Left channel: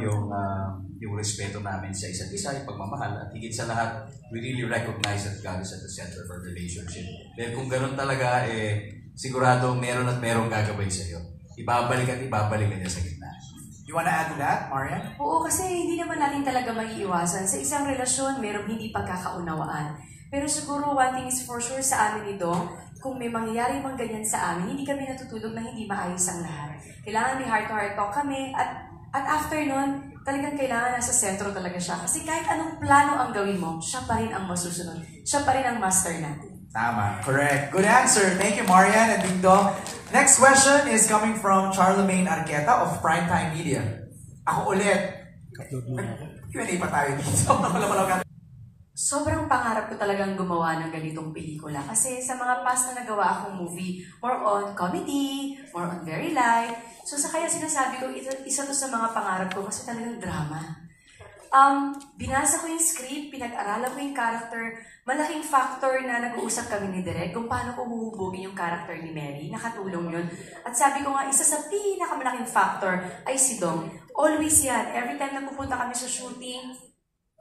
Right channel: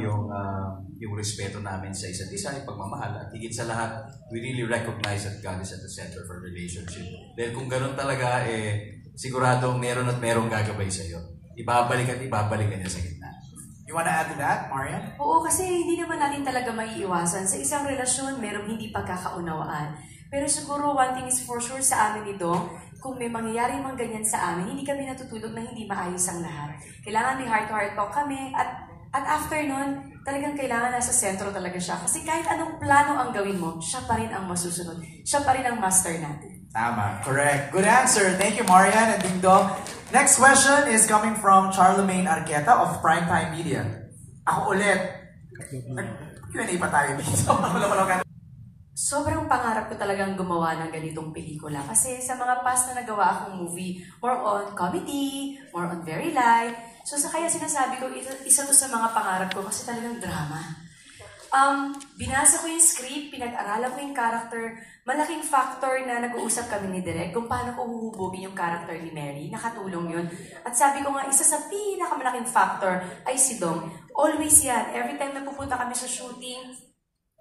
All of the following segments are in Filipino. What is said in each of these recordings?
yung respeto namin sa isa't isa, yung pagmamahal, at higit sa lahat, we really recognize that God is at the center of our relationship. Dahil kung ganun talaga, sigurado meron at merong gagabay sa'yo. Ibabalik at ibabalik ka niya sa gitna. You wanna add to that, Marian? Oo, kasi hindi naman natin talaga maiiwasan. Sa isang relasyon, merong hindi pagkakaunawaan. Pero siguro, one thing is for sure sa amin ito, kung may mangyayari mang ganyan sa amin, hindi kami natutulog na hindi maayos ang lahat. Kailangan may heart-to-heart talk kami, at after nun, talagang kailangan nasa sentro talaga siya. Kasi kahit anong plano ang gawin mo, siya pa rin ang masusunod. Siya pa rin ang master natin. Tama. Correct. Good answer. Thank you, Marian and Ding Dong. Next question is coming from Charlemagne Arqueta of Primetime Media. Ako ulit. Q&A pa tayo dito. Sobrang pangarap ko talagang gumawa ng ganitong pelikula. Kasi sa mga past na nagawa akong movie, more on comedy, more on very light. So kaya sinasabi ko, isa to sa mga pangarap ko kasi talagang drama. Binasa ko yung script, pinag-aralan ko yung character. Malaking factor na nag-uusap kami ni Direk kung paano ko huhubugin yung character ni Mary. Nakatulong yun. At sabi ko nga, isa sa pinakamalaking factor ay si Dong. Always yan. Every time na pupunta kami sa shooting,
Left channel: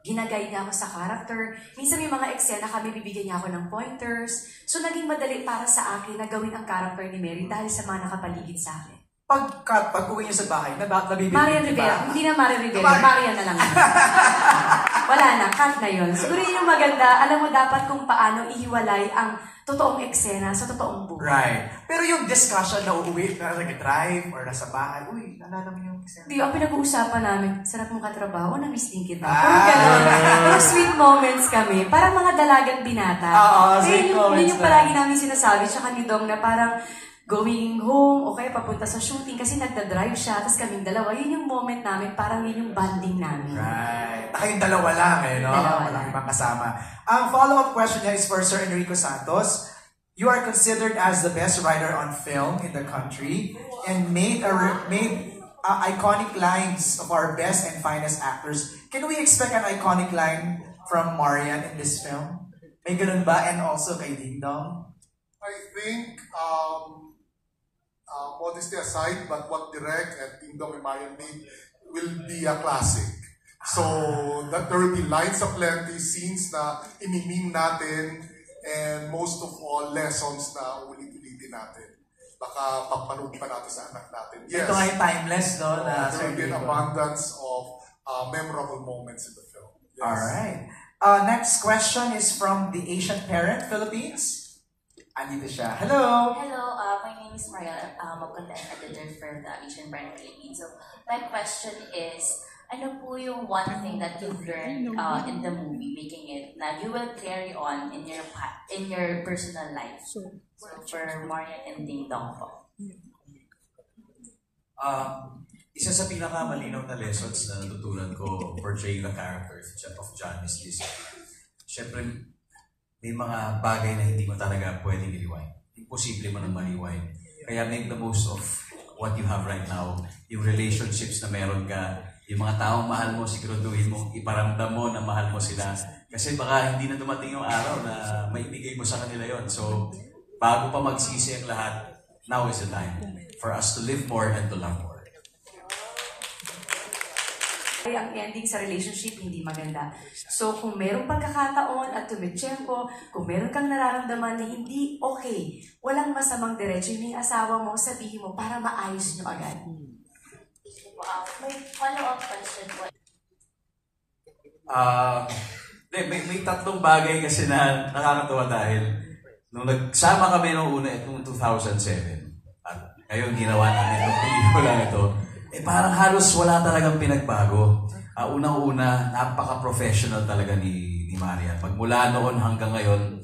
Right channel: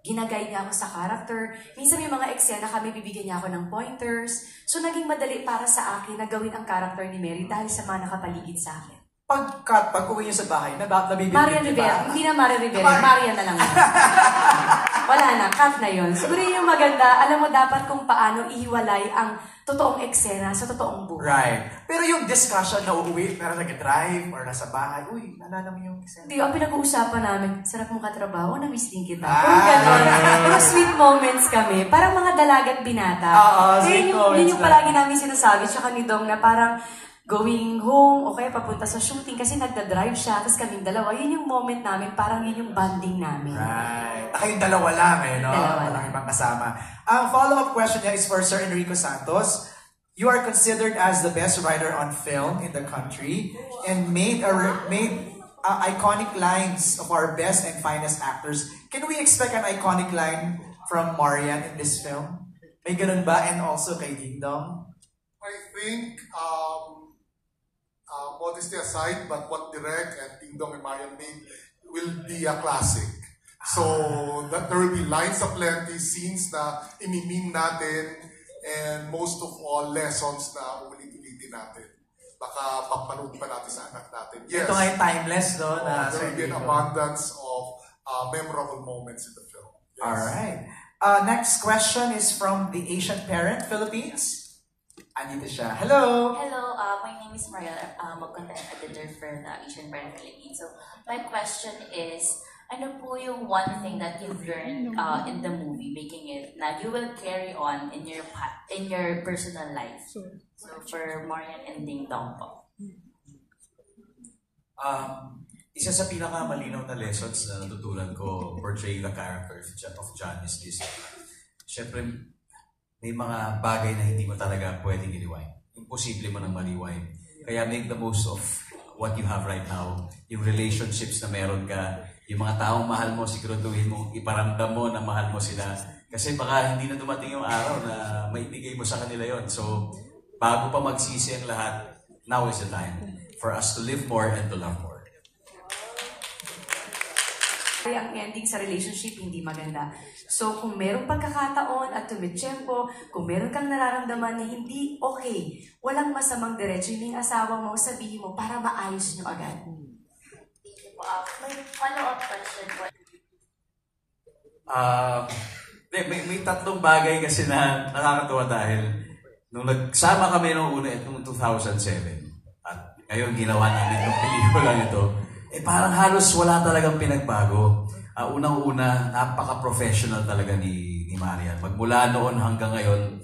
ginaguide niya ako sa character. Minsan yung mga eksena kami, bibigyan niya ako ng pointers. So naging madali para sa akin na gawin ang character ni Mary dahil sa mga nakapaligid sa akin. Pag-uwi niyo sa bahay, nabibigyan Marian Rivera. Hindi na Marian Rivera. Marian na lang. Wala na. Cut na yun. Siguro yun yung maganda. Alam mo dapat kung paano ihiwalay ang totoong eksena sa totoong buhay. Right. Pero yung discussion na uuwi, pero nag-drive or nasa bahay, uy, nalala mo yung eksena. Hindi, ang pinag-uusapan namin, sarap mong katrabaho, na-miss din kita. Pero sweet moments kami. Parang mga dalagang binata. Sweet moments. Yun yung palagi namin sinasabi, tsaka ni Dong na parang going home o kaya papunta sa shooting kasi nagda-drive siya, tapos kaming dalawa. Yun yung moment namin, parang yun yung bonding namin. Right. Kayong dalawa lang, no? Walang ibang kasama. Ang follow-up question niya is for Sir Enrico Santos. You are considered as the best writer on film in the country and made iconic lines of our best and finest actors. Can we expect an iconic line from Marian in this film? May ganun ba? And also kay Ding Dong? I think, modesty aside, but what Direk and Ding Dong and Marian made will be a classic. So, that there will be lines aplenty, scenes na imimim natin, and most of all, lessons na ulit-ulitin natin. Baka papanood pa natin sa anak natin. Yes. Ito ay timeless, no? There will be an abundance of memorable moments in the film. Yes. Alright. Next question is from the Asian Parent, Philippines. Andito siya. Hello! Hello, my name is Mariel. I'm a content editor for the Asian Brand Philippines. So, my question is, ano po yung one thing that you've learned in the movie, making it, na you will carry on in your personal life? So for Marian and Ding Dong po. Isa sa pinakamalinaw na lessons na natutunan ko portraying the character of John is this. Siyempre, may mga bagay na hindi mo talaga pwedeng i-rewind. Imposible mo nang ma-rewind. Kaya make the most of what you have right now. Yung relationships na meron ka, yung mga taong mahal mo, siguraduhin mo, iparamdam mo na mahal mo sila. Kasi baka hindi na dumating yung araw na maibigay mo sa kanila yon. So, bago pa magsisi ang lahat, now is the time for us to live more and to love more. Ang ending sa relationship hindi maganda. So kung meron pagkakataon at tumitsyempo, kung meron kang nararamdaman na hindi okay, walang masamang diretso yung asawa mo, sabihin mo para maayos nyo agad. May follow-up question po. May tatlong bagay kasi na nakakatawa dahil nung nagsama kami nung una, itong 2007, at ngayon ginawa namin yung pelikulang ito, parang halos wala talagang pinagbago. Unang-una, napaka-professional talaga ni Marian. Magmula noon hanggang ngayon,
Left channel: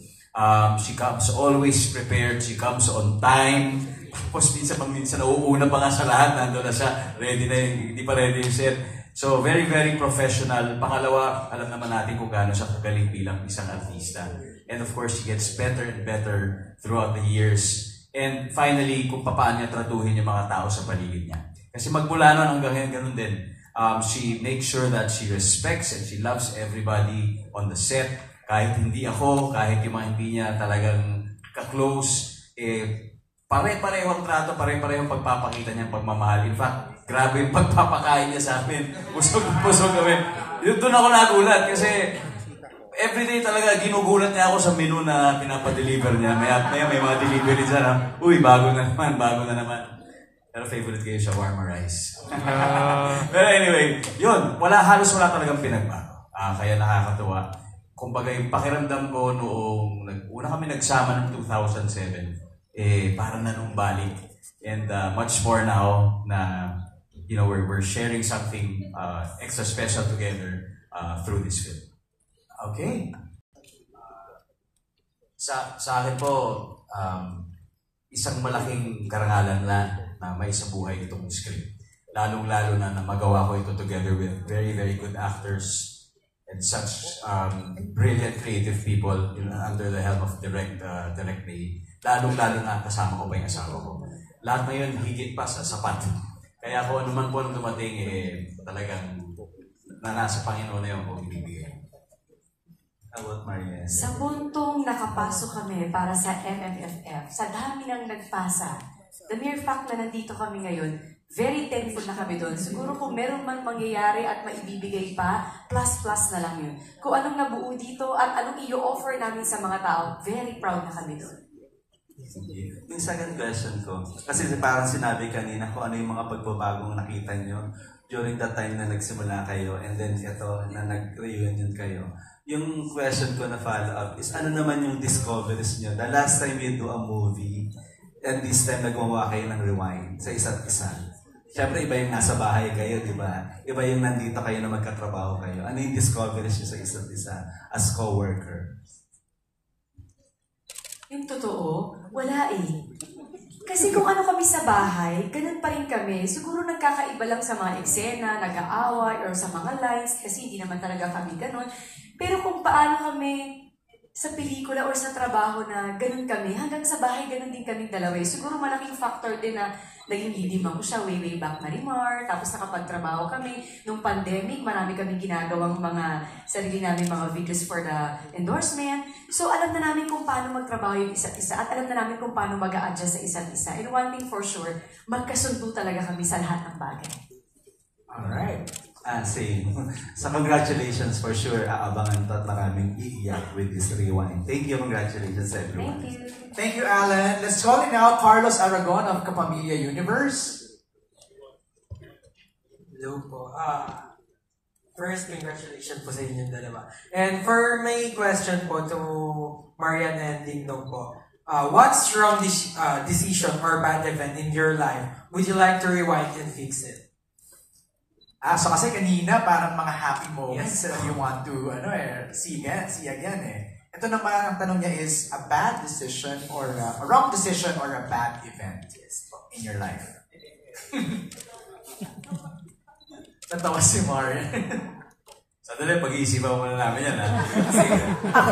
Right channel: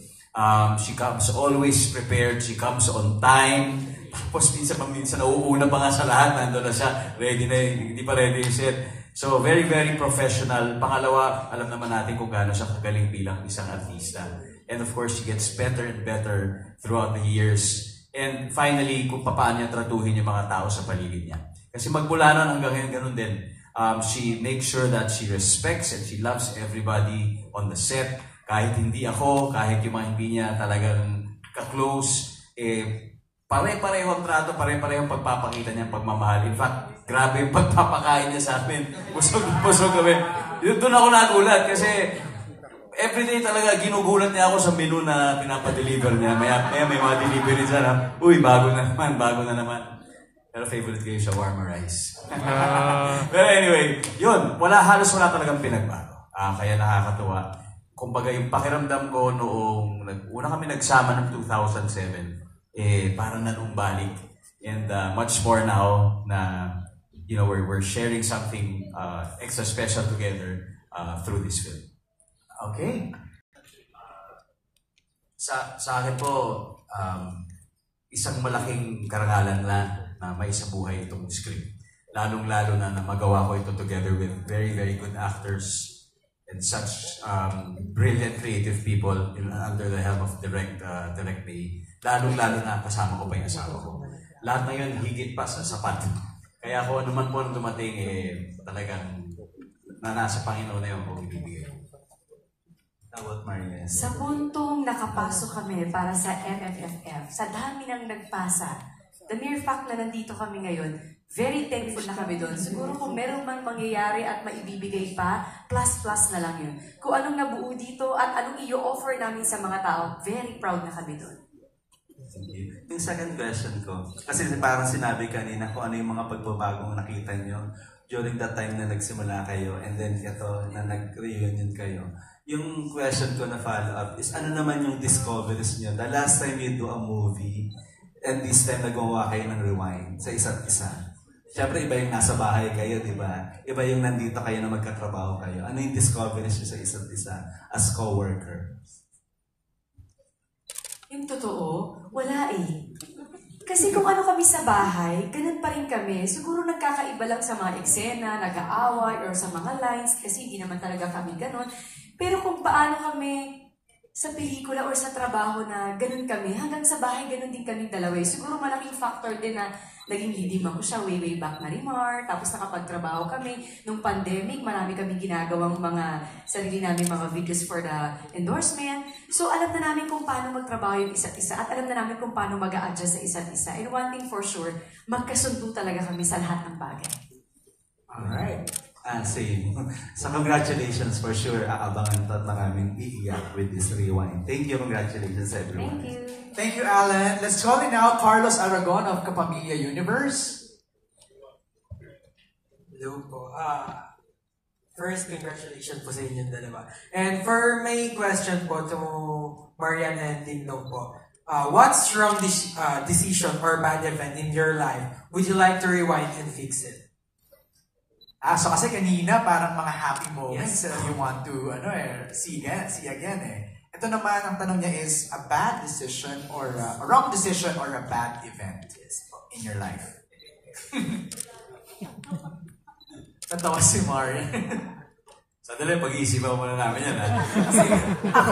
she comes always prepared, she comes on time. Tapos minsan nauuna pa nga sa lahat, nandun na siya, ready na hindi pa ready yung set. So, very, very professional. Pangalawa, alam naman natin kung gaano siya kagaling bilang isang artista. And of course, she gets better and better throughout the years. And finally, kung paano niya tratuhin yung mga tao sa paligid niya. Kasi magmula na hanggang ngayon, ganun din. She makes sure that she respects and she loves everybody on the set. Kahit hindi ako, kahit yung mga hindi niya talagang ka-close, pare-pareho ang trato, pare-pareho ang pagpapakita niya ng pagmamahal. In fact, Grabe yung pagpapakain niya sa amin. Busog kami. Doon ako nagulat kasi everyday talaga ginugulat niya ako sa menu na pinapadeliver niya. May mga delivery siya na, uy, bago na naman. Pero favorite ko yung shawarma rice. Pero anyway, yun, halos wala talagang pinagbago. Kaya nakakatuwa. Kumbaga yung pakiramdam ko noong una kami nagsama noong 2007, parang nanumbalik. And much more now na we're sharing something extra special together through this film. Okay. Sa akin po, isang malaking karangalan na may sa buhay itong script. Lalong-lalo na magawa ko ito together with very, very good actors and such brilliant creative people under the helm of Direct May. Lalong-lalo na kasama ko pa yung asawa ko. Lahat na yun, higit pa sa sapat. Kaya kung ano man po dumating, talagang nasa Panginoon na yung pagbibigay. About Marines. Sa puntong nakapasok kami para sa MFFF, sa dami nang nagpasa, the mere fact na nandito kami ngayon, very thankful na kami doon. Siguro kung meron man mangyayari at maibibigay pa, plus na lang yun. Kung anong nabuo dito at anong i-offer namin sa mga tao, very proud na kami doon. Yung second question ko, kasi parang sinabi kanina kung ano yung mga pagbabagong nakita nyo during that time na nagsimula kayo and then ito na nag-reunion kayo. Yung question ko na follow-up is ano naman yung discoveries nyo? The last time you do a movie and this time nagawa kayo ng rewind sa isa't isa. Siyempre, iba yung nasa bahay kayo, di ba? Iba yung nandito kayo na magkatrabaho kayo. Ano yung discoveries nyo sa isa't isa as co-worker? Yung totoo, wala eh. Kasi kung ano kami sa bahay, ganun pa rin kami. Siguro nagkakaiba lang sa mga eksena, nag-aaway, or sa mga lines, kasi hindi naman talaga kami ganun. Pero kung paano kami sa pelikula or sa trabaho na ganun kami, hanggang sa bahay ganun din kami dalawa. Siguro malaking factor din na naging leading ako siya way back na Rimar, tapos nakapagtrabaho kami. Nung pandemic, marami kami ginagawang mga sarili namin mga videos for the endorsement. So alam na namin kung paano magtrabaho yung isa't isa at alam na namin kung paano mag-a-adjust sa isa't isa. And one thing for sure, magkasundo talaga kami sa lahat ng bagay. Alright. Same. So congratulations for sure. Aabangan at maraming iiyak with this rewind. Thank you. Congratulations everyone. Thank you. Thank you, Alan. Let's call in now Carlos Aragon of Kapamilya Universe. Hello po. First, congratulations po sa inyong dalawa. And for my question po to Marian and Dingdong po, what strong decision or bad event in your life would you like to rewind and fix it? So kasi kanina parang mga happy moments you want to see again eh. Ito naman ang tanong niya is a bad decision or a wrong decision or a bad event in your life. Natawa si Marian. Sandali, pag-iisipan muna namin yan.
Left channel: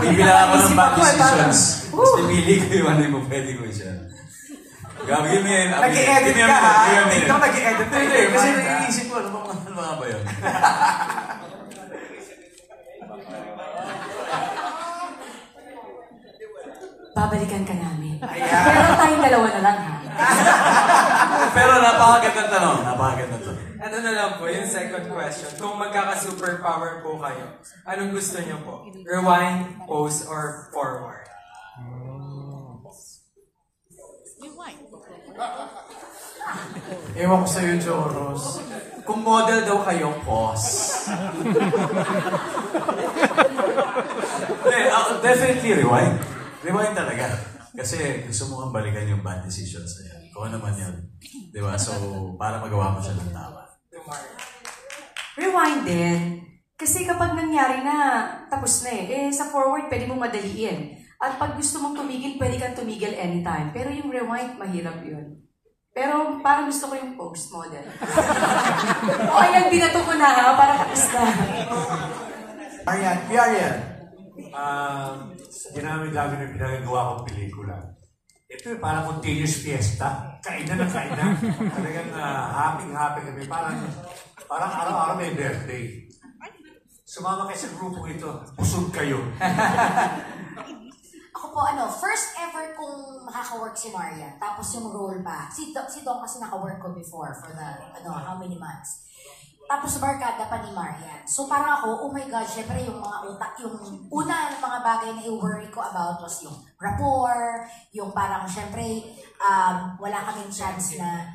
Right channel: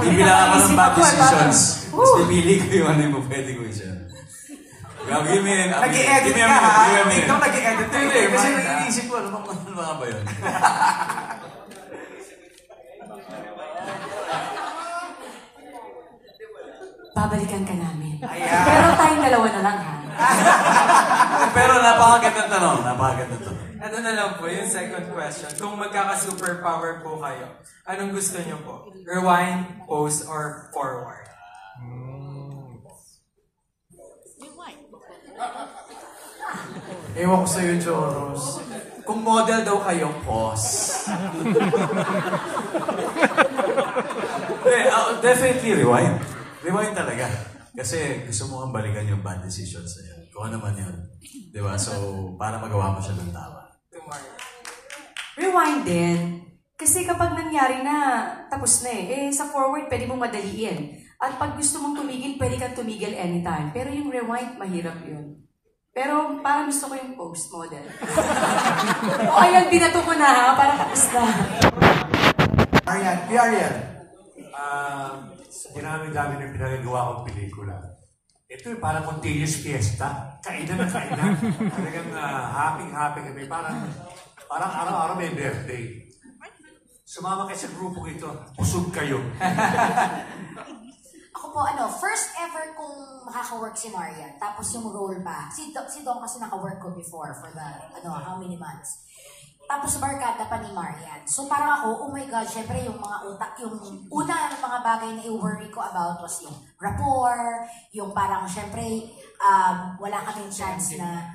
Bibilang ako ng bad decisions. Tapos pipili ko yung ano yung pwede ko siya. Gagawin mo Nag-i-edit ka ha? Tingnan nag-i-edit ka. Kasi iniisip ko, ano ba yun? Babalikan ka namin. Pero tayong dalawa na lang ha. Pero napakagandang tanong. Napakagandang tanong. Ito na lang po, yung second question. Kung magkaka-superpower po kayo, anong gusto niyo po? Rewind, pause, or forward? Ewan ko sa'yo, Joros. Kung model daw kayo, pause. Definitely rewind. Rewind talaga. Kasi gusto mo kang balikan yung bad decisions na yan. Kung ano man yan. Diba? So, para magawa mo siya ng tama. Rewind din. Kasi kapag nangyari na, tapos na sa forward, pwede mong madaliin. At pag gusto mong tumigil, pwede kang tumigil anytime. Pero yung rewind, mahirap yun. Pero parang gusto ko yung post model. O ayan, binato ko na ha, para tapos na. Arian. Sa dinami-dami na pinagagawa kong pelikula, ito parang continuous fiesta. Kainan na kainan. Talagang happy kami. Parang araw-araw may birthday. Sumama kayo sa grupong ito, busog kayo. Ako po po, first ever kung makaka-work si Marian, tapos yung role pa. Si Dong kasi naka-work ko before for the, how many months. Tapos barkada pa ni Marian. So parang ako, oh my God, syempre yung mga utak, yung una ng mga bagay na i-worry ko about was yung rapport, yung parang syempre, wala kaming chance na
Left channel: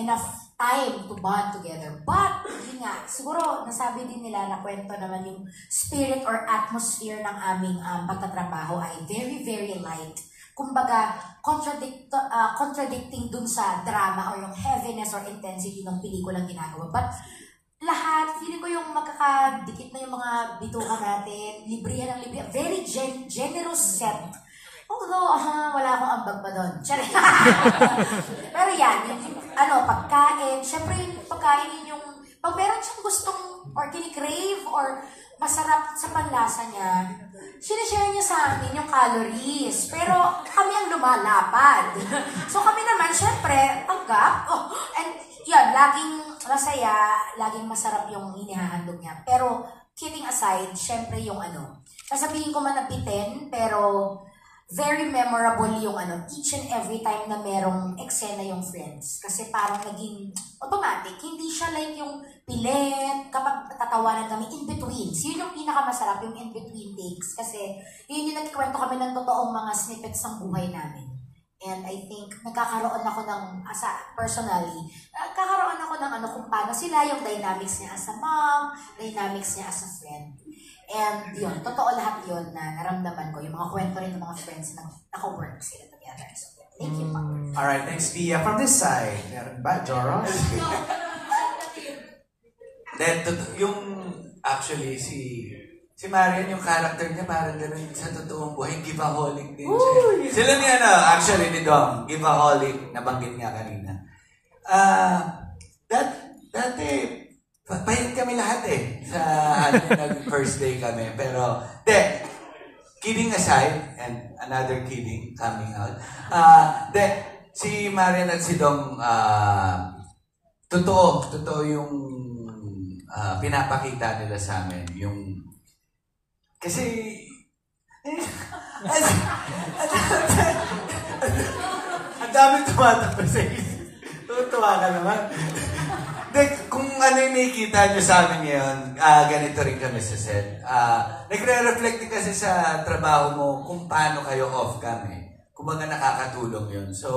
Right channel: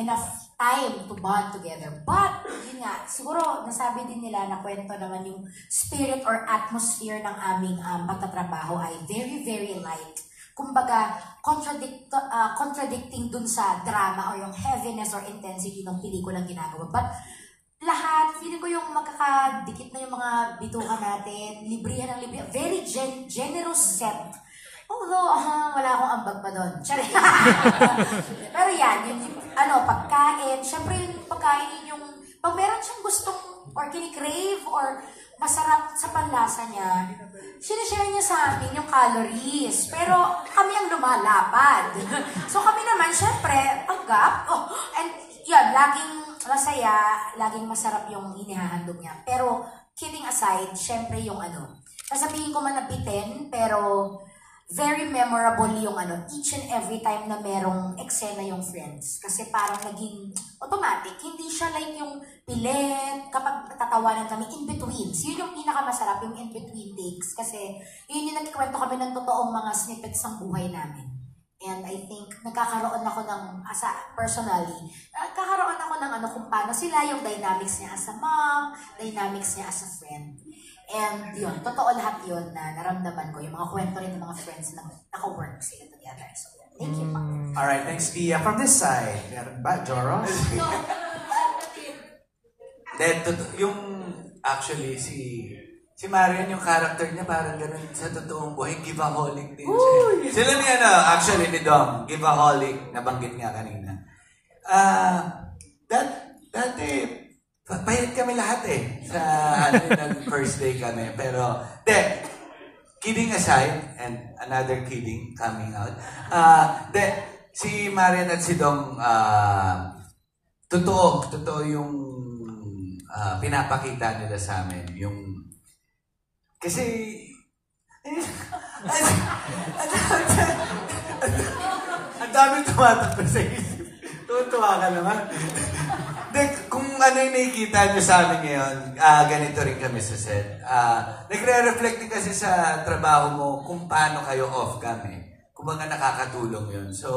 enough time to bond together. But, yun nga, siguro nasabi din nila na kwento naman yung spirit or atmosphere ng aming pagtatrabaho ay very, very light. Kumbaga, contradicting dun sa drama or yung heaviness or intensity ng pelikulang ginagawa. But, lahat, feeling ko yung magkakadikit na yung mga bituka natin, librihan ng librihan, very generous set. Although, wala akong ambag pa doon. Pero yan, yung pagkain, syempre yung pagkain yung pag meron siyang gustong or kinikrave or masarap sa panlasa niya, sinishare niya sa amin yung calories. Pero kami ang lumalapad. So kami naman, syempre, tanggap. And yan, laging masaya, laging masarap yung inihahandog niya. Pero, kidding aside, syempre yung sasabihin ko man nabitin, pero very memorable yung each and every time na merong eksena yung Friends. Kasi parang naging automatic. Hindi siya like yung pilit, kapag natatawanan kami in between. So yun yung pinakamasarap, yung in between takes. Kasi yun yung nagkikwento kami ng totoong mga snippets ng buhay namin. And I think nagkakaroon ako ng, personally, nagkakaroon ako ng kung paano sila, yung dynamics niya as a mom, dynamics niya as a friend. And yun, totoo lahat yun na naramdaman ko, yung mga kwento rin ng mga friends na naka-work sila together. So, thank you. Alright, thanks, Pia. From this side, meron ba, Joro? Yung, actually, si Marian, yung character niya parang ganun sa totoong buhay, give-aholic din siya. Sila niya actually ni Dom, give-aholic, nabanggit nga kanina. Dati, pahit kami lahat sa nag-first day kami. Pero, kidding aside, and another kidding coming out, si Marian at si Dom, totoo yung pinapakita nila sa amin. Kasi, ang dami tumatakbo sa isip. Tuwa ka naman. Kung ano yung nakikita nyo sa amin ngayon, ganito rin kami sa set. Nagre-reflect din kasi sa trabaho mo kung paano kayo off-cam Kung mga nakakatulong yun. So,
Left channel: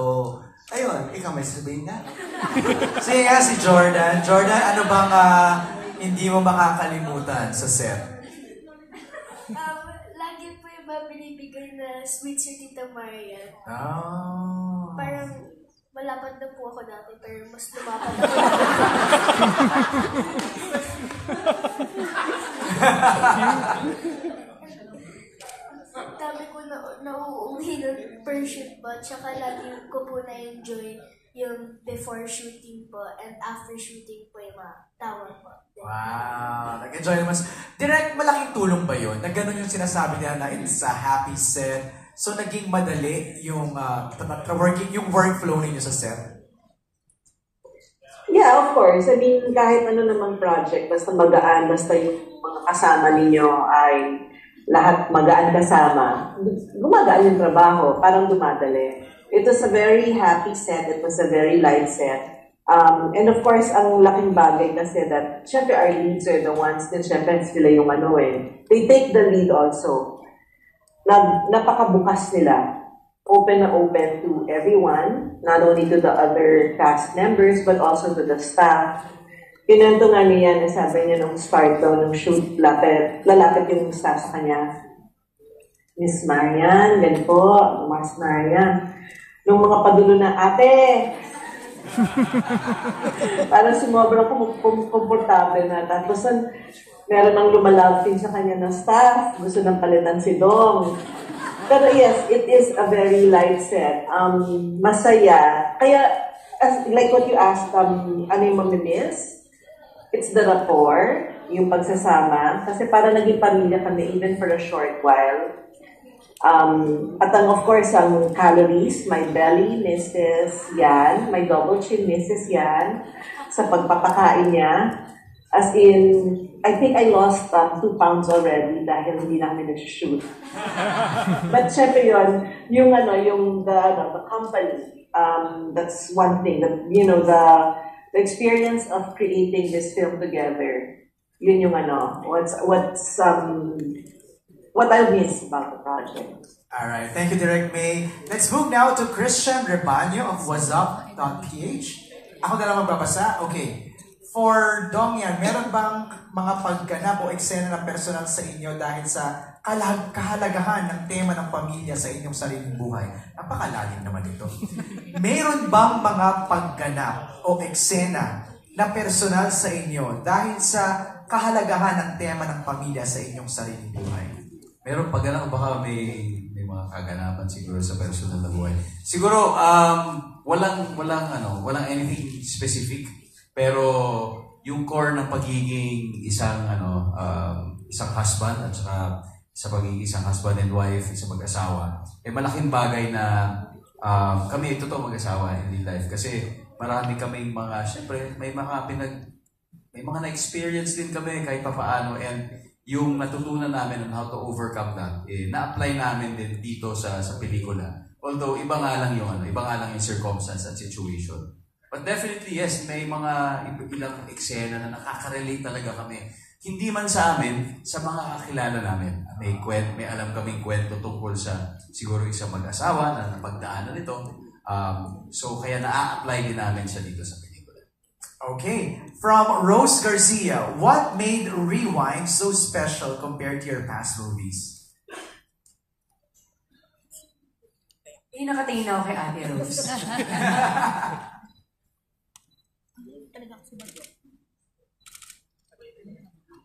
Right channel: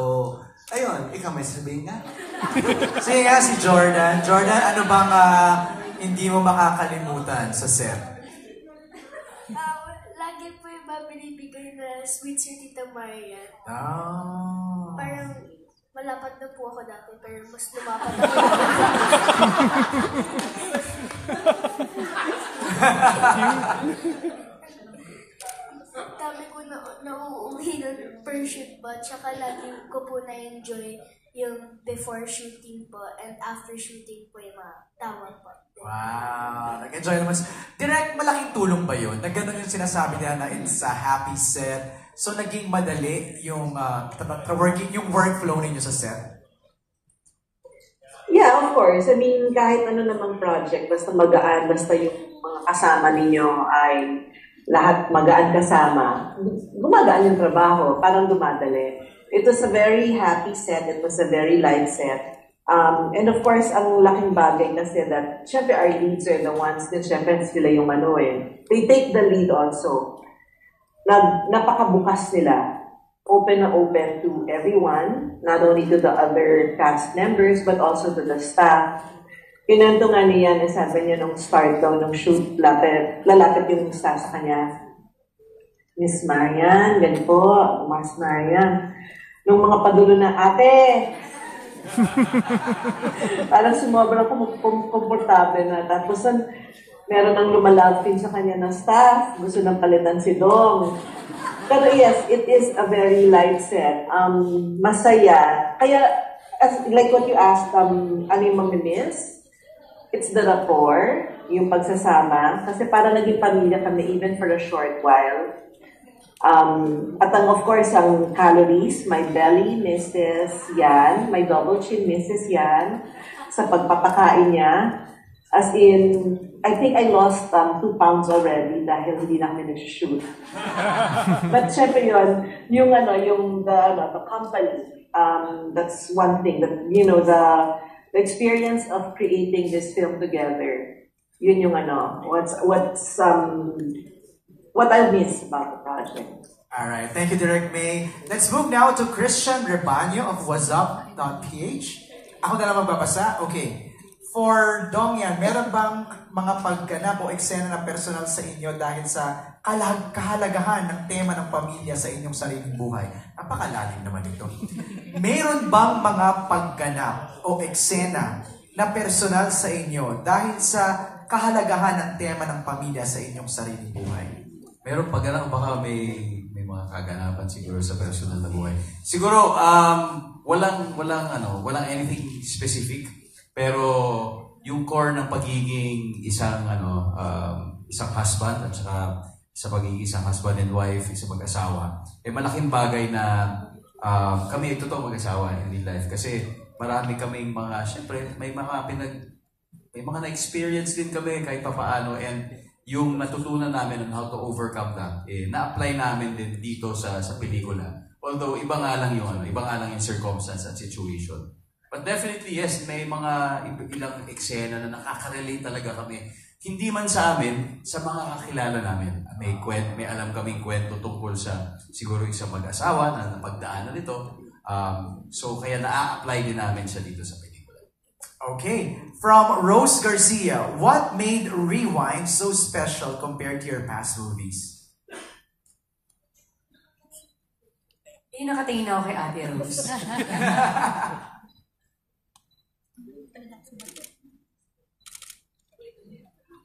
ayun, ikaw may sabihin na. Sige nga si Jordan. Jordan, ano bang hindi mo makakalimutan sa set? Lagi po yung binibigay na sweet si Tita Marian. Oh. Parang malapad na po ako dati, pero mas lumapad ako. Dami ko nauuwi ng per shoot po, tsaka lagi ko po na-enjoy yung before shooting po and after shooting po yung mga tawa po. Wow, nag-enjoy naman. Direct, malaking tulong ba yun? Na gano'n yung sinasabi niya na it's a happy set. So, naging madali yung yung workflow ninyo sa set? Yeah, of course. I mean, kahit ano namang project, basta magaan, basta yung mga kasama ninyo ay lahat magaan kasama, gumagaan yung trabaho, parang dumadali. It was a very happy set. It was a very light set. And of course, ang laking bagay kasi that, syempre, our leads are the ones that syempre sila yung they take the lead also. Napakabukas nila. Open na open to everyone, not only to the other cast members, but also to the staff. Pinento nga niya, sabi niya nung start daw ng shoot, lalapit yung staff sa kanya. Miss Marian, ganito po, Mas Marian. Nung mga padulo na, ate, parang sumobra komportable na. Tapos, meron ang lumalapin sa kanya ng staff. Gusto nang palitan si Dong. Pero yes, it is a very light set. Masaya. Kaya, like what you asked, ano yung mamimiss? It's the rapport, yung pagsasama. Kasi para naging pamilya kami even for a short while. At of course, ang calories, my belly misses yan. My double chin misses yan. Sa pagpapakain niya. As in, I think I lost 2 pounds already dahil hindi na kami nag-shoot. But syempre yun, yung the company, that's one thing. That, the experience of creating this film together, yun yung what I miss about the project. Alright, thank you, Direk May. Let's move now to Christian Rebaño of whatsup.ph. Ako na lang magbabasa. Okay. For Dongyan, meron bang mga pagganap o eksena na personal sa inyo dahil sa kahalagahan ng tema ng pamilya sa inyong sariling buhay? Napakalalim naman ito. Meron bang mga pagganap o eksena na personal sa inyo dahil sa kahalagahan ng tema ng pamilya sa inyong sariling buhay? Meron pagganap, baka may mga kaganapan siguro sa personal na buhay. Siguro, walang anything specific. Pero yung core ng pagiging isang husband at saka sa pagiging isang husband and wife, isang mag-asawa, malaking bagay na kami totoo mag-asawa in real life kasi marami kaming mga, syempre may mga na-experience din kami kahit papaano, and yung natutunan namin on how to overcome that, na-apply namin din dito sa pelikula. Although iba nga lang yung circumstance at situation. But definitely, yes, may mga ilang eksena na nakaka-relate talaga kami. Hindi man sa amin, sa mga kakilala namin. May alam kaming kwento tungkol sa siguro isang mag-asawa na napagdaanan nito. So, kaya na-apply din namin siya dito sa pelikula. Okay. From Rose Garcia, what made Rewind so special compared to your past movies? Nakatingin na ako kay Ate Rose.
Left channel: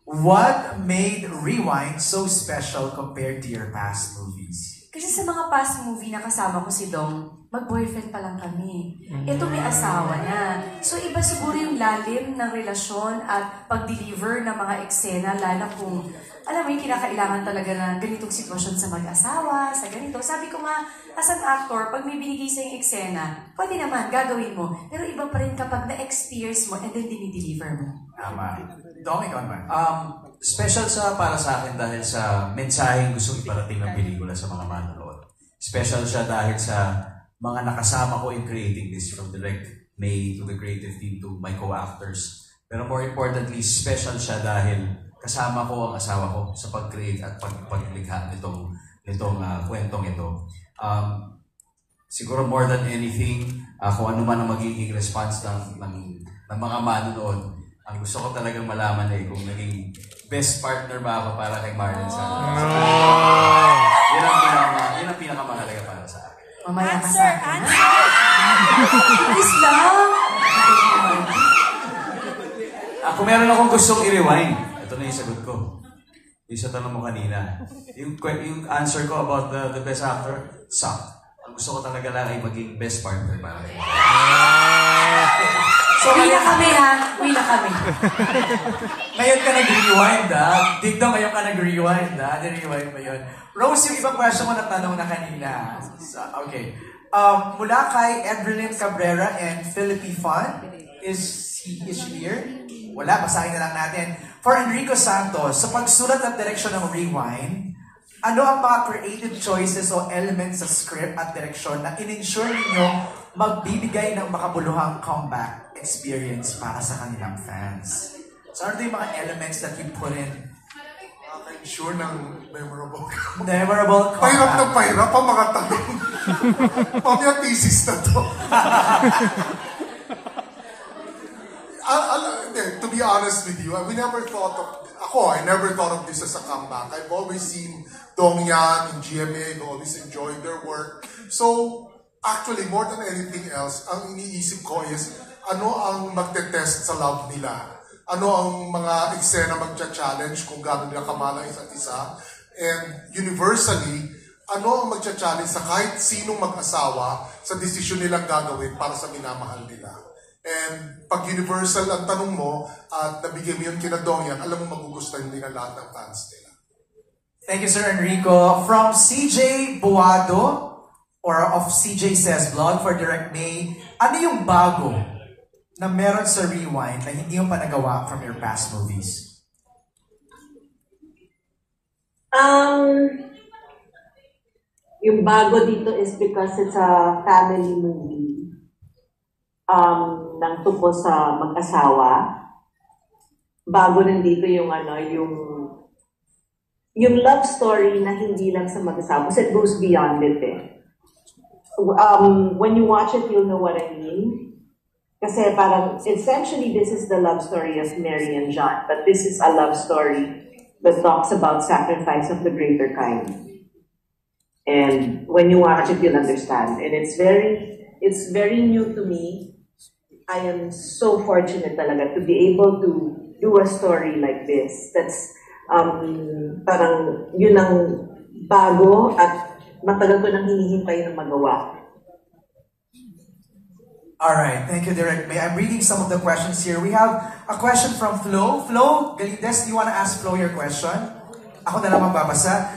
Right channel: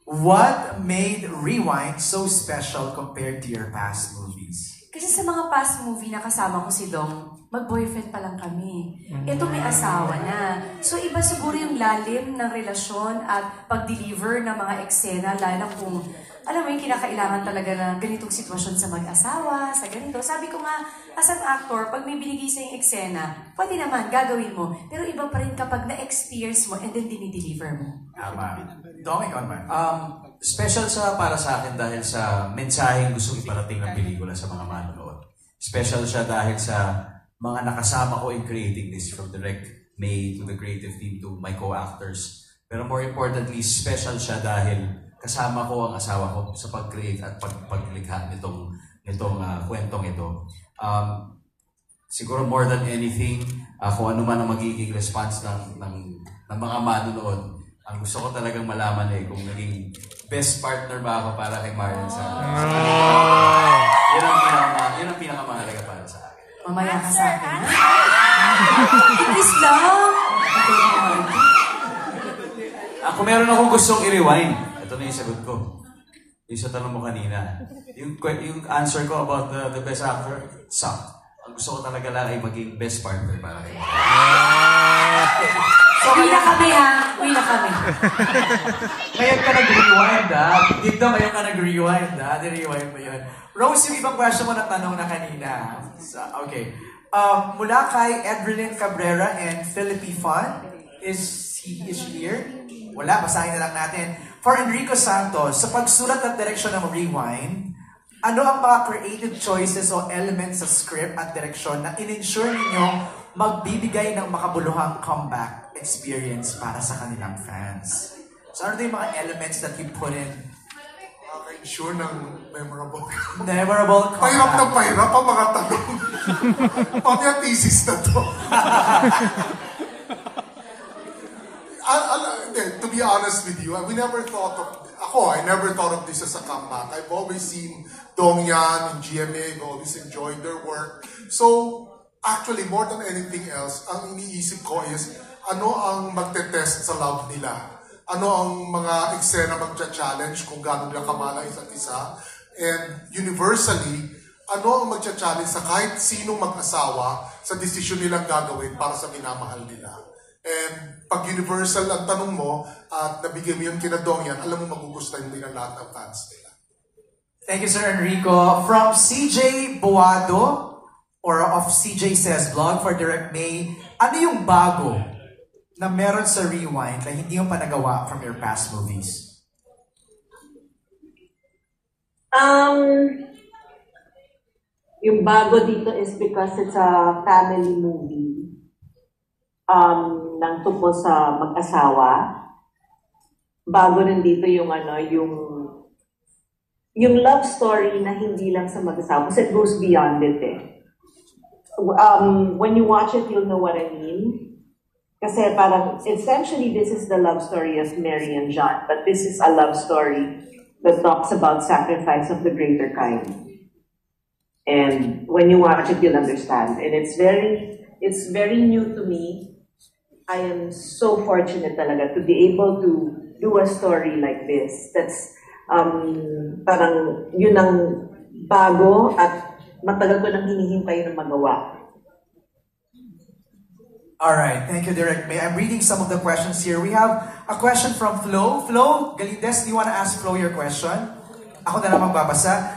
What made Rewind so special compared to your past movies? Kasi sa mga past movie na kasama ko si Dong, mag-boyfriend pa lang kami. Ito may asawa na. So iba siguro yung lalim ng relasyon at pag-deliver ng mga eksena, lalo kung alam mo yung kinakailangan talaga na ganitong sitwasyon sa mag-asawa, sa ganito. Sabi ko nga, as an actor, pag may binigay sa yung eksena, pwede naman, gagawin mo. Pero iba pa rin kapag na-experience mo and then dinideliver mo. Tama. Dong, ikaw naman. Special para sa akin dahil sa mensaheng gusto iparating ng pelikula sa mga manonood. Special siya dahil sa mga nakasama ko in creating this, from Direk May to the creative team to my co-actors. Pero more importantly, special siya dahil kasama ko ang asawa ko sa pag-create at paglikha nitong kwentong ito. Siguro more than anything, kung ano man ang magiging response ng mga manonood, ang gusto ko talagang malaman kung naging best partner ba ako para kay Marlon Santos. Yan ang pinakamahalaga para sa akin. Mamaya ka sa akin. Please lang! Kung meron akong gustong i-rewind, ito na yung sagot ko. Yung sa tanong mo kanina. Yung answer ko about the best actor, suck. Ang gusto ko talaga lang ay maging best partner para kay So, wala kami ha. Wala kami. Ngayon ka nag-rewind Digdong, ngayon ka nag-rewind Di-rewind mo yun. Rose, yung ibang question mo na tanong na kanina. So, okay. Mula kay Edrelyn Cabrera and Philippe Fun, is she here? Wala, basahin na lang natin. For Enrico Santos, sa pagsulat at direksyon ng Rewind, ano ang mga creative choices o elements sa script at direksyon na in-ensure ninyong magbibigay ng makabuluhang comeback experience para sa kanilang fans? So, ano yung mga elements that you put in? Ensure ng memorable. Memorable comeback. Pahirap na pahirap ang mga tanong. Pati ang thesis na to. To be honest with you, I never thought of this as a comeback. I've always seen Dongyan and GMA, I've always enjoyed their work. So, actually, more than anything else, ang iniisip ko is, ano ang magte-test sa love nila? Ano ang mga eksena magcha-challenge kung gano'n nila kamala isa't isa? And universally, ano ang magcha-challenge sa kahit sinong mag-asawa sa desisyon nilang gagawin para sa minamahal nila? And pag universal ang tanong mo at nabigay mo yung kina Dongyan, alam mo magugustuhan din ang lahat ng fans nila. Thank you, Sir Enrico. From CJ Boado, or of CJ Says Vlog for Direk May, ano yung bago na meron sa Rewind na hindi mo pa nagawa from your past movies? Yung bago dito is because it's a family movie. Nang tupo sa mag-asawa. Bago rin dito yung yung love story na hindi lang sa mag-asawa. Kasi it goes beyond it eh. When you watch it, you'll know what I mean. Kasi parang, essentially, this is the love story of Mary and John. But this is a love story that talks about sacrifice of the greater kind. And when you watch it, you'll understand. And it's very new to me. I am so fortunate talaga to be able to do a story like this. That's parang yun ang bago at matagal ko nang hinihintay na magawa. Alright, thank you, Derek May. I'm reading some of the questions here. We have a question from Flo. Flo, Galindes, do you want to ask Flo your question? Ako na lang magbabasa.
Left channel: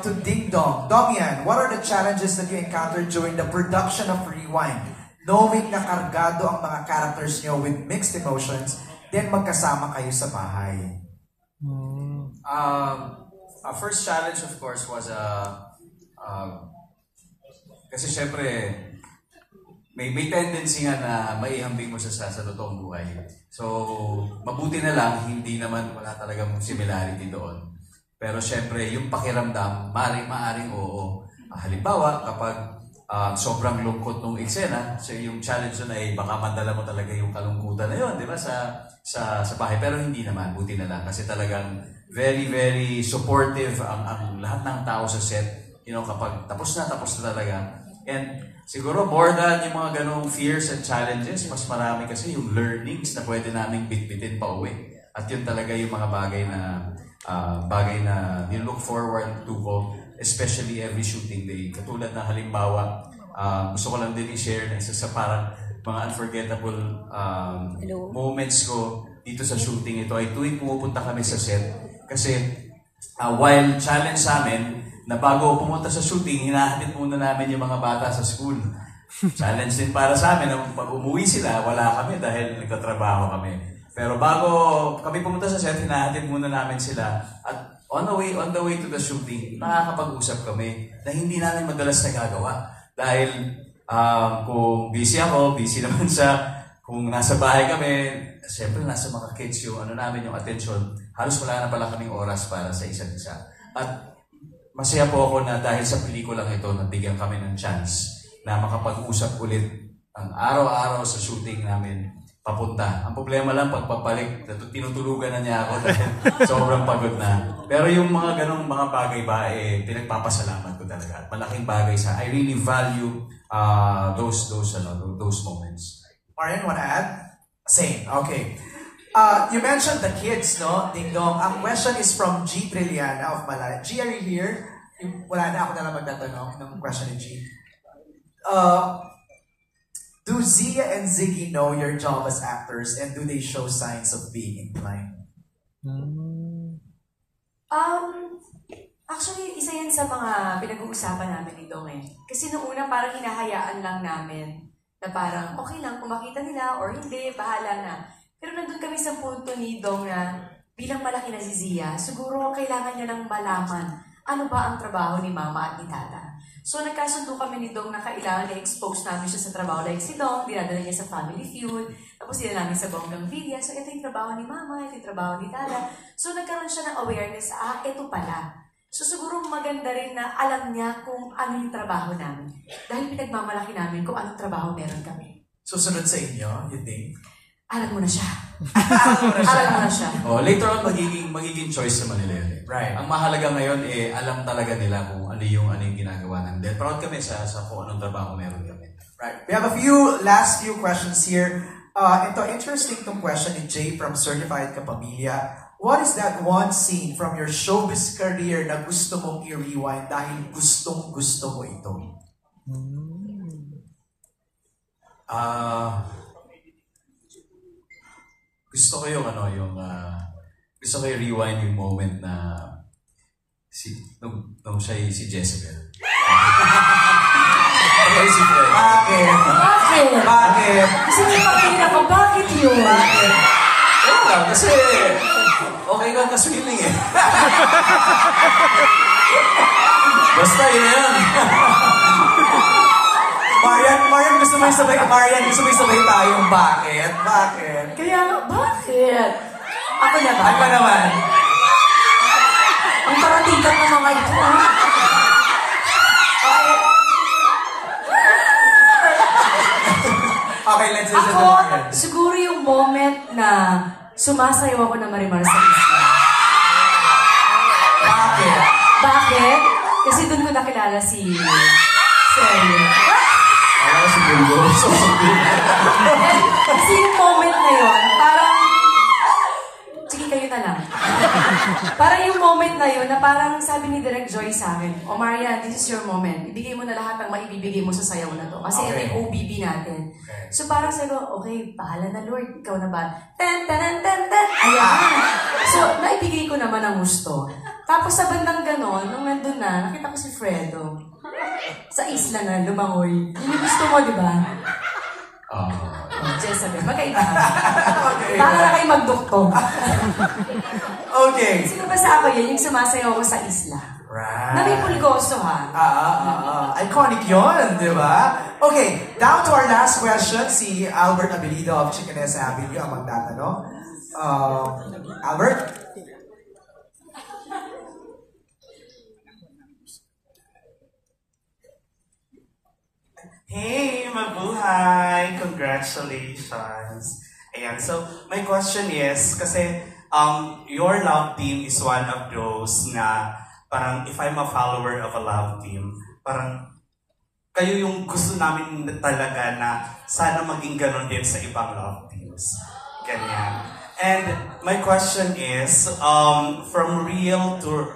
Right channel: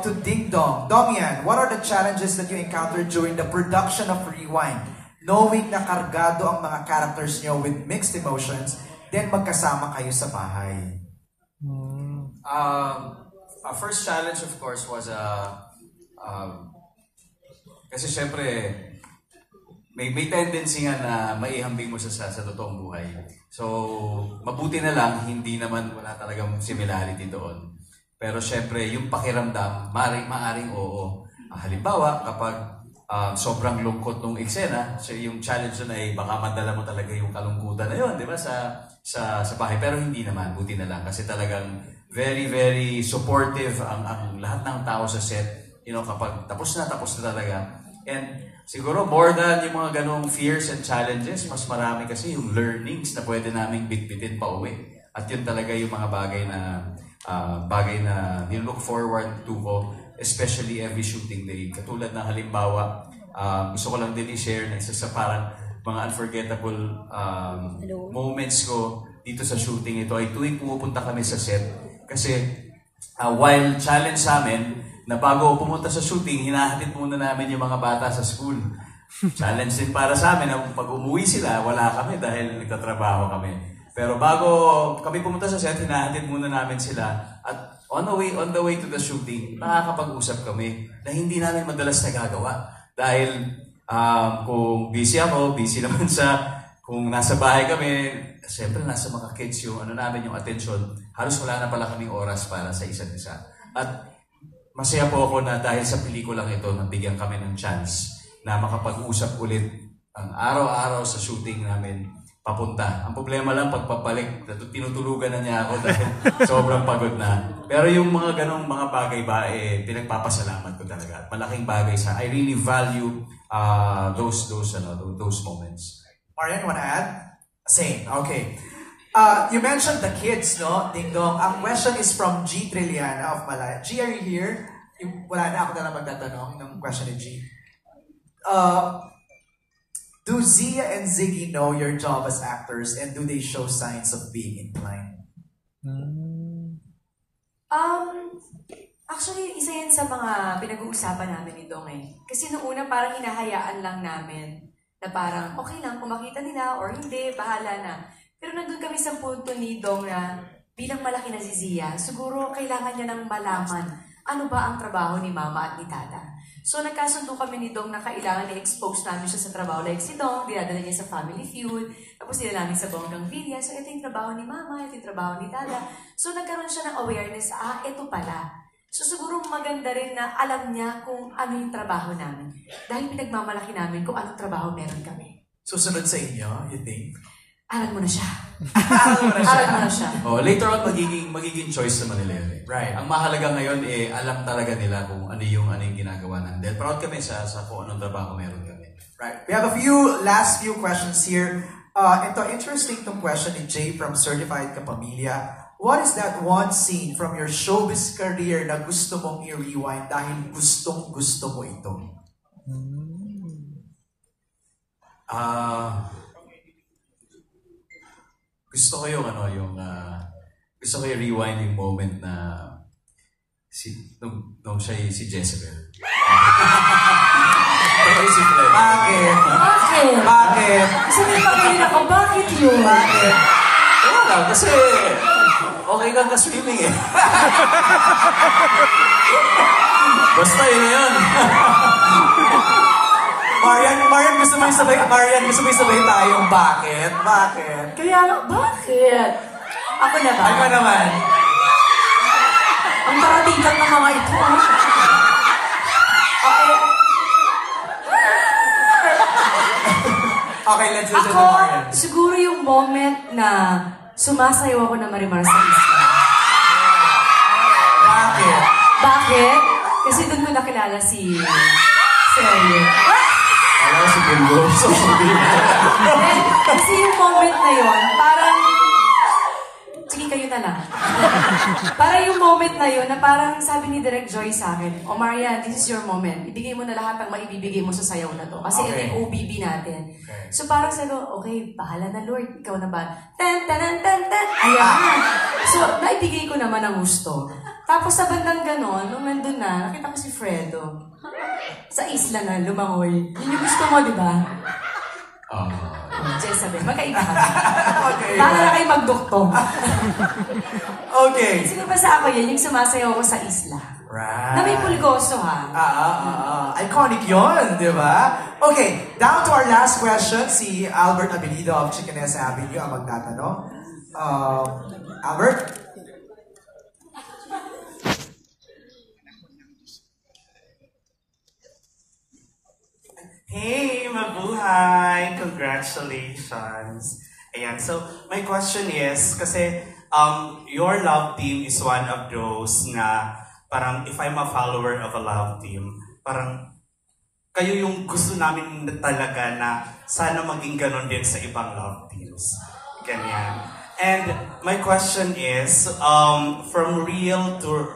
To Ding Dong. Domian, what are the challenges that you encountered during the production of Rewind? Knowing na kargado ang mga characters nyo with mixed emotions, then magkasama kayo sa bahay. Our first challenge, of course, was kasi syempre, may tendency nga na maihambing mo sa totoong buhay. So, mabuti na lang, hindi naman wala talagang similarity doon. Pero syempre, yung pakiramdam, maaring oo. Halimbawa, kapag sobrang lungkot ng eksena, so yung challenge na ay baka madala mo talaga yung kalungkutan na yun, di ba, sa bahay. Pero hindi naman, buti na lang. Kasi talagang very, very supportive ang lahat ng tao sa set. You know, kapag tapos na talaga. And siguro more than yung mga ganong fears and challenges, mas marami kasi yung learnings na pwede naming bitbitin pa uwi. At yun talaga yung mga bagay na look forward to ko, especially every shooting day. Katulad na halimbawa, gusto ko lang din i-share na isa sa parang mga unforgettable moments ko dito sa shooting ito ay tuwing pumupunta kami sa set. Kasi while challenge sa amin, na bago pumunta sa shooting, hinahatid muna namin yung mga bata sa school. Challenge din para sa amin na pag umuwi sila, wala kami dahil nagtatrabaho kami. Pero bago kami pumunta sa set, hinahatid muna namin sila. At on the way to the shooting, nakakapag-usap kami na hindi namin madalas nagagawa. Dahil kung busy ako, busy naman kung nasa bahay kami, siyempre nasa mga kids yung namin yung attention, halos wala na pala kaming oras para sa isa't isa. At masaya po ako na dahil sa pelikulang ito, nabigyan kami ng chance na makapag-usap ulit ang araw-araw sa shooting namin papunta. Ang problema lang, pagpapalik, tinutulugan na niya ako dahil sobrang pagod na. Pero yung mga ganong mga bagay ba, pinagpapasalamat ko talaga. Malaking bagay I really value those moments. Marian, want to add? Same, okay. You mentioned the kids, no? Ding Dong. Ang question is from G. Trilliana of Malaya. G, are you here? Wala na, ako na lang magtatanong ng question ni G. Do Zia and Ziggy know your job as actors and do they show signs of being inclined? Actually, isa yan sa mga pinag-uusapan namin ni Dong eh. Kasi noong una parang hinahayaan lang namin na parang okay lang kung makita nila or hindi, bahala na. Pero nandun kami sa punto ni Dong na bilang malaki na si Zia, siguro kailangan niya nang malaman ano ba ang trabaho ni Mama at ni Tata. So nagkasundo kami ni Dong na kailangan i-expose namin siya sa trabaho. Like si Dong, dinadala niya sa Family Feud, tapos sila namin sa Bonggang Villa. So ito yung trabaho ni Mama, ito yung trabaho ni Tata. So nagkaroon siya ng awareness, ito pala. So siguro maganda rin na alam niya kung ano yung trabaho namin. Dahil pinagmamalaki namin kung anong trabaho meron kami. Susunod sa inyo, you think? Alam mo na siya. Later on, magiging choice naman nila. Right. Ang mahalaga ngayon, alam talaga nila kung ano yung ginagawa namin. Dahil proud kami sa kung anong trabaho meron kami. Right. We have last few questions here. Ito, interesting tong question ni Jay from Certified Kapamilya. What is that one scene from your showbiz career na gusto mong i-rewind dahil gustong-gusto mo ito? Gusto ko gusto ko i-rewind yung moment na nung siya si Jezebel. Okay, si Fred. Bakit? Bakit? Bakit? Kasi may pakainin ako, bakit yun? Bakit? Kasi okay lang na swimming eh. Basta yun. Marian, gusto mo sabay tayong bakit? Bakit? Kaya, bakit? Ako na ba? Ako naman. Ang paratigan ng mga ito, ah. Okay, let's listen to Ako, Marian. siguro yung moment na sumasayaw ako na Marimar sa isla. Bakit? Bakit? Kasi doon ko nakilala si Sergio. Alam ko si Bungo. Kasi yung moment na yun, parang... Sige, kayo na lang. Parang yung moment na yun, na parang sabi ni Direk Joy sa akin, "O Marian, this is your moment. Ibigay mo na lahat ng maibibigay mo sa sayaw na to. Kasi ito yung OBB natin." So parang sabi ko, okay, bahala na Lord, ikaw na ba? Ten, ten, ten, ten. Ayan. So, naibigay ko naman ang gusto. Tapos sa bandang ganon, nung nandun na, nakita ko si Fredo. Sa isla na, lumangoy. Yun yung gusto mo, di ba? Jezebel, magkaiba. Para kayo magdoktor. Okay. Sino ba sa ako yan? Yung sumasayaw ako sa isla. Right. Na may pulgoso, ha? Iconic yun, di ba? Okay, down to our last question. Si Albert Abilido of Chickenessa Avenue ang magtatanong. Albert? Hey, mabuhay! Congratulations! Ayan, so my question is, kasi your love team is one of those na parang if I'm a follower of a love team, parang kayo yung gusto namin talaga na sana maging ganun din sa ibang love teams. Ganyan. And my question is, from real to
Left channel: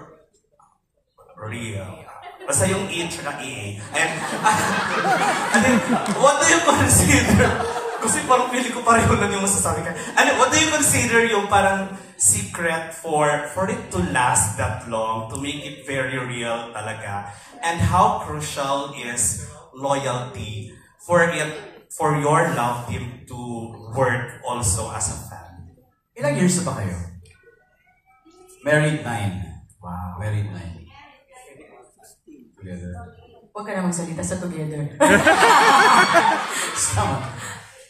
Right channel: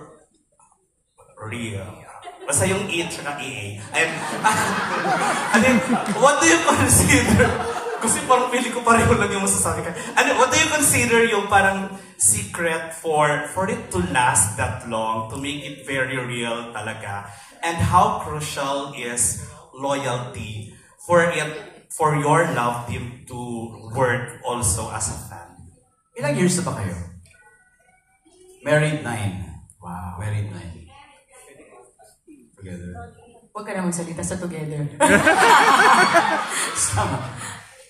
real. Basta yung E at EA. And then, what do you consider? Kasi parang pili ko pareho lang yung masasabi ka. What do you consider yung parang secret for it to last that long, to make it very real talaga? And how crucial is loyalty for your love team to work also as a fan? Ilang years na ba kayo? Married 9. Wow. Married 9. Together. Huwag ka na magsalita sa together.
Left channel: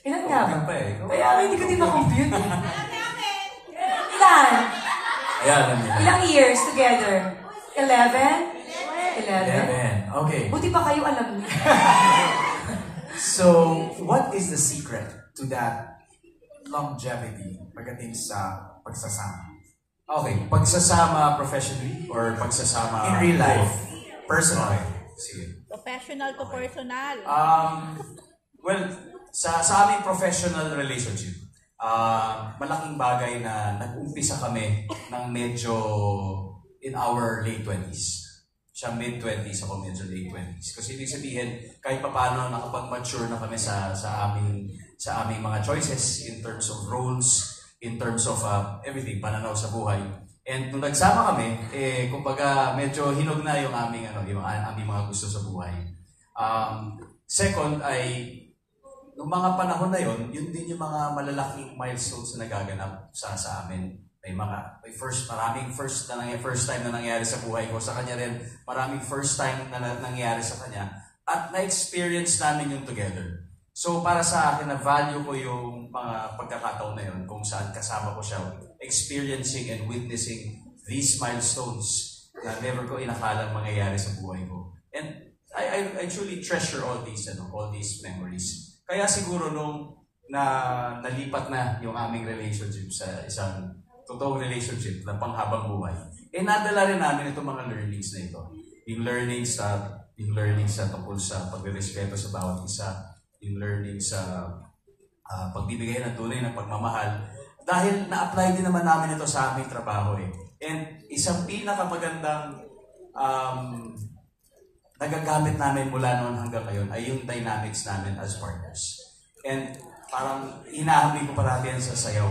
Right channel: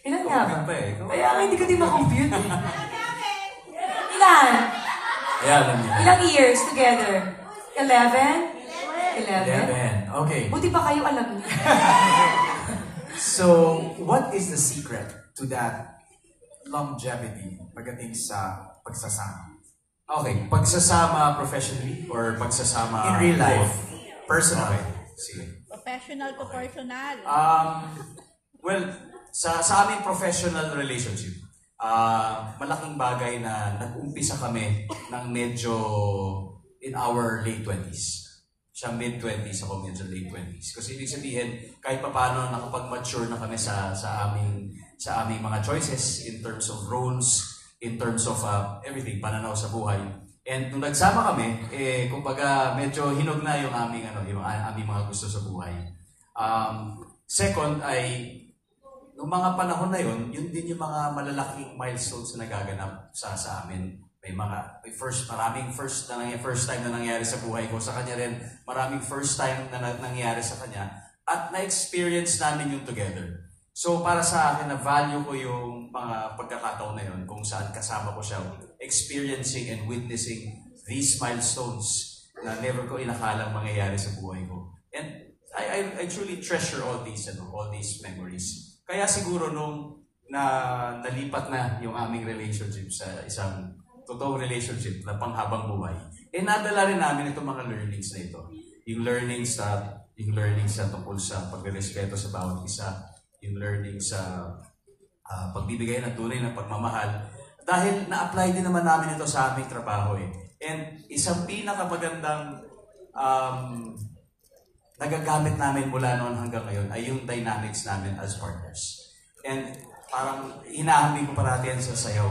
Ilan nga ba? Kaya hindi ko din ma-compute. Ilan? Ilang years together? 11? 11. Okay. Buti pa kayo alam niyo. So, what is the secret to that longevity pagdating sa pagsasama? Okay, pagsasama professionally or pagsasama in real life? Personal. Okay, sige. Professional to personal. Well, sa aming professional relationship, malaking bagay na nag-umpisa kami ng medyo in our late 20s. Siya mid-20s, ako medyo late 20s. Kasi ibig sabihin, kahit pa paano nakapag-mature na kami sa aming mga choices in terms of roles, in terms of everything, pananaw sa buhay. And nung nagsama kami, kumbaga medyo hinog na yung aming mga gusto sa buhay. Second ay, nung mga panahon na yun din yung mga malalaking milestones na nagaganap sa amin. Maraming first time na nangyari sa buhay ko. Sa kanya rin, maraming first time na nangyari sa kanya. At na-experience namin yung together. So para sa akin, na-value ko yung mga pagkakataon na yun kung saan kasama ko siya, experiencing and witnessing these milestones na never ko inakalang mangyayari sa buhay ko. And I truly treasure all these memories. Kaya siguro nung nalipat na yung aming relationship sa isang totoong relationship na panghabang buhay, nadala rin namin itong mga learnings na ito. Yung learnings na tungkol sa pagrespeto sa bawat isa, yung learnings sa pagbibigay ng tunay na pagmamahal. Dahil na-apply din naman namin ito sa aming trabaho And isang pinakamagandang nagagamit namin mula noon hanggang ngayon ay yung dynamics namin as partners. And parang hinahambi ko parati yan sa sayaw.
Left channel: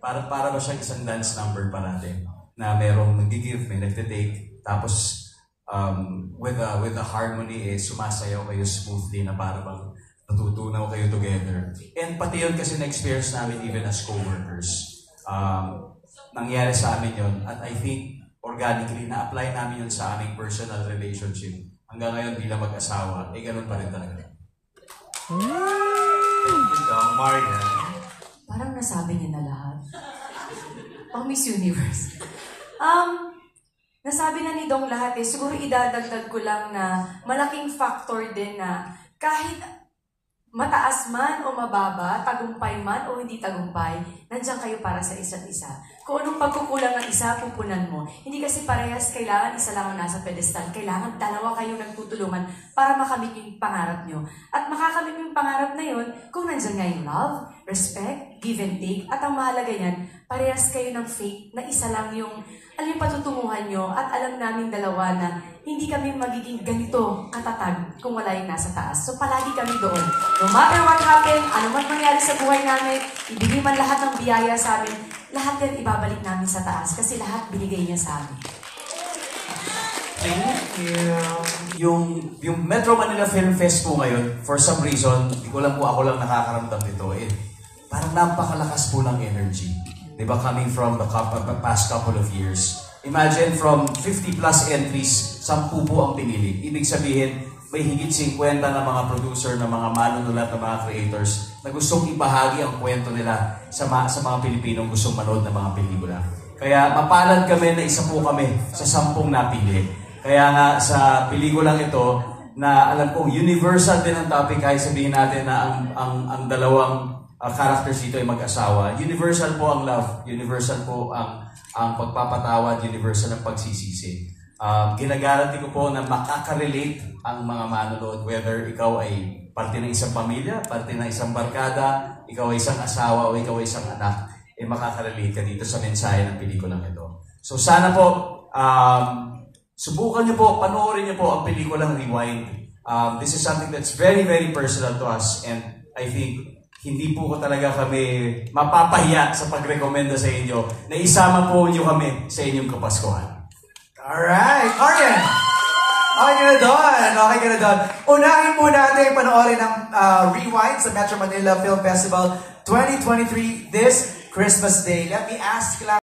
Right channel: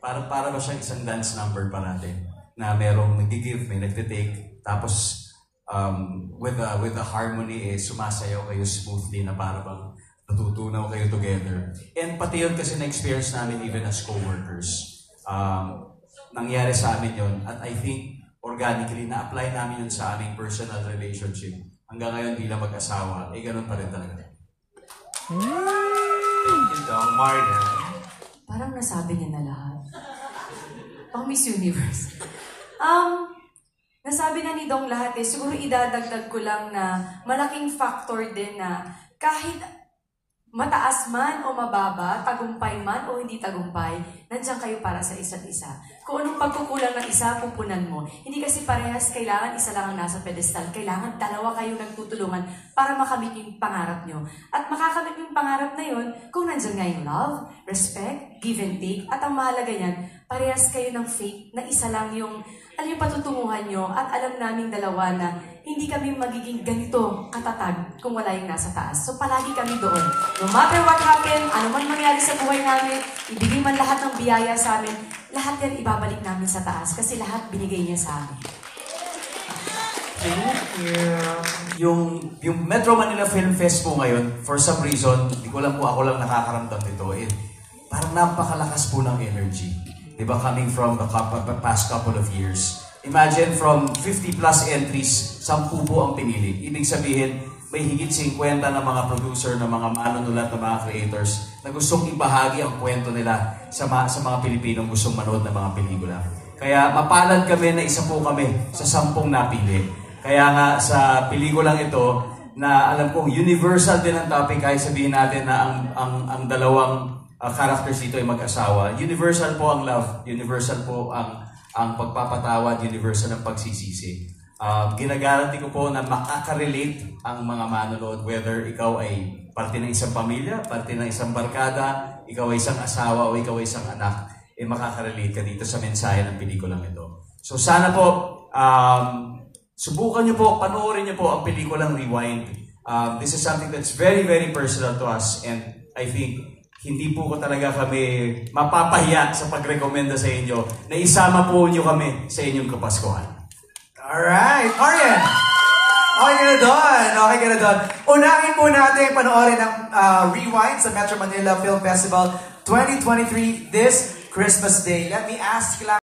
Para ba siyang isang dance number parati na merong nag-give, may nag-take, tapos with the harmony, sumasayaw kayo smoothly na para bang natutunaw kayo together. And pati yun kasi na-experience namin even as co-workers. Nangyari sa amin yun, at I think organically na-apply namin yun sa aming personal relationship. Hanggang ngayon bilang mag-asawa, ganun pa rin talaga. Marlon. Parang nasabi niya na lahat. Pang Miss Universe. Nasabi na ni Dong lahat siguro idadagdag ko lang na malaking factor din na kahit mataas man o mababa, tagumpay man o hindi tagumpay, nandiyan kayo para sa isa't isa. Kung anong pagkukulang ng isa, pupunan mo. Hindi kasi parehas kailangan isa lang ang nasa pedestal. Kailangan dalawa kayo nagtutulungan para makamit yung pangarap nyo. At makakamit yung pangarap na yun kung nandiyan nga yung love, respect, give and take. At ang mahalaga yan, parehas kayo ng faith na isa lang yung patutunguhan nyo. At alam naming dalawa na hindi kami magiging ganito katatag kung wala yung nasa taas. So palagi kami doon. No matter what happen, ano man mangyari sa buhay namin, ibigay man lahat ng biyaya sa amin, lahat yan ibabalik namin sa taas kasi lahat binigay niya sa amin. Yung Metro Manila Film Fest po ngayon, for some reason, hindi ko lang po ako lang nakakaramdam nito, parang napakalakas po ng energy. Diba, coming from the past couple of years. Imagine from 50 plus entries, 10 po ang pinili. Ibig sabihin, may higit 50 na mga producer, na mga manunulat, na mga creators na gustong ibahagi ang kwento nila sa mga Pilipinong gustong manood ng mga pelikula. Kaya mapalad kami na isa po kami sa 10 napili. Kaya nga sa pelikulang ito, na alam kong universal din ang topic, kahit sabihin natin na ang dalawang characters dito ay mag-asawa. Universal po ang love, universal po ang pagpapatawad, universal ang pagsisisi. Ginagaranti ko po na makaka-relate ang mga manonood, whether ikaw ay parte ng isang pamilya, parte ng isang barkada, ikaw ay isang asawa o ikaw ay isang anak, makaka-relate ka dito sa mensahe ng pelikulang ito. So sana po, subukan niyo po, panoorin niyo po ang pelikulang Rewind. This is something that's very, very personal to us, and I think hindi po ko talaga kami mapapahiya sa pagrekomenda sa inyo na isama po niyo kami sa inyong Kapaskuhan. Alright, Marian! Okay ka na doon. Unahin po natin panoorin ang Rewind sa Metro Manila Film Festival 2023 this Christmas Day. Let me ask